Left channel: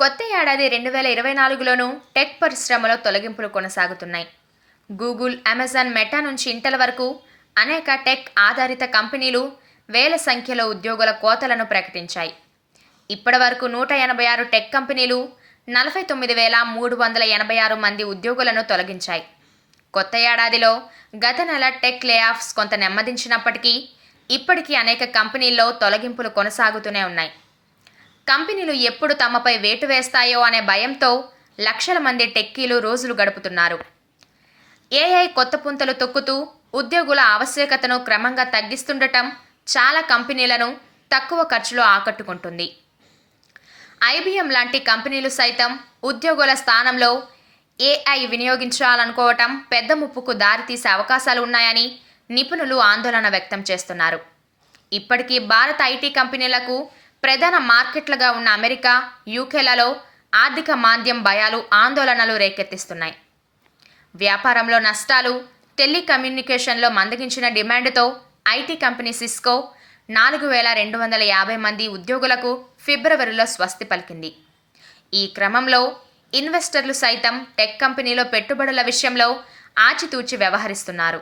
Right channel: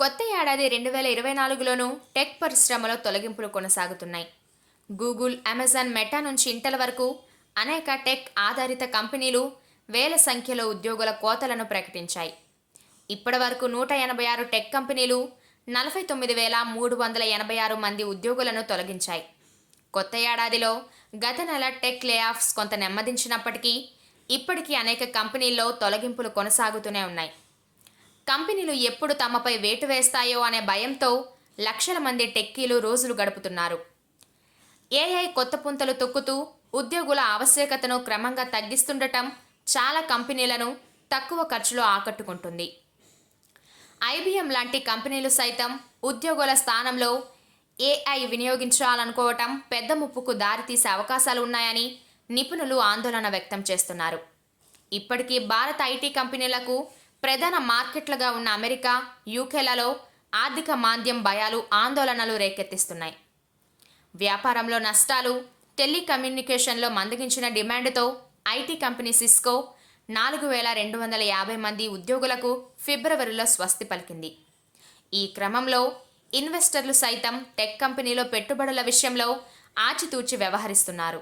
కొత్త ఏడాది రెండు వేల ఇరవై నాలుగులోనూ టెక్ పరిశ్రమలో తొలగింపులు కొనసాగుతున్నాయి. గూగుల్ అమెజాన్ మెటా నుంచి ఇంటల వరకు అనేక టెక్ ఆధారిత కంపెనీలు వేల సంఖ్యలో ఉద్యోగుల కోతలను ప్రకటించాయి. ఇప్పటి వరకు నూట ఎనభై ఆరు టెక్ కంపెనీలు నలభై తొమ్మిది వేల మూడు వందల ఎనభై ఆరు మంది ఉద్యోగులను తొలగించాయి. కొత్త ఏడాదిలో గత నెల టెక్ లేఆఫ్స్ కొంత నెమ్మదించినప్పటికీ ఇప్పటికీ అనేక కంపెనీల్లో తొలగింపులు కొనసాగుతూనే ఉన్నాయి. కంపెనీలు ఎప్పుడు తమపై వేటు వేస్తాయో అనే భయంతో లక్షల మంది టెక్కీలు రోజులు గడుపుతున్నారు. ఏఐ కొత్త పుంతలు తొక్కుతూ ఉద్యోగుల ఆవశ్యకతను క్రమంగా తగ్గిస్తుండటం చాలా కంపెనీలను తక్కువ ఖర్చులో ఆకట్టుకుంటుంది. ఐబిఎం లాంటి కంపెనీలు సైతం ఉద్యోగుల స్థానంలో ఏఐ వినియోగించాలనుకోవటం పెద్ద ముప్పుకు దారితీసే అవకాశాలు ఉన్నాయని నిపుణులు ఆందోళన వ్యక్తం చేస్తున్నారు. ఇప్పటికీ భారత ఐటీ కంపెనీలకు ప్రధాన మార్కెట్లుగా ఉన్న అమెరికా యూకేలలో ఆర్థిక మాంద్యం భయాలు ఆందోళనలు రేకెత్తిస్తున్నాయి. వ్యాపారంలో నష్టాలు టెలికమ్యూనికేషన్లో మందగించిన డిమాండ్తో ఐటీ కంపెనీ సిస్కో నాలుగు వేల రెండు వందల యాభై మంది ఉద్యోగులకు ఫిబ్రవరిలో స్వస్తి పలికింది. ఈ క్రమంలో ఇన్వెస్టర్లు సైతం టెక్ కంపెనీలో పెట్టుబడుల విషయంలో ఆచితూచి వ్యవహరిస్తున్నారు.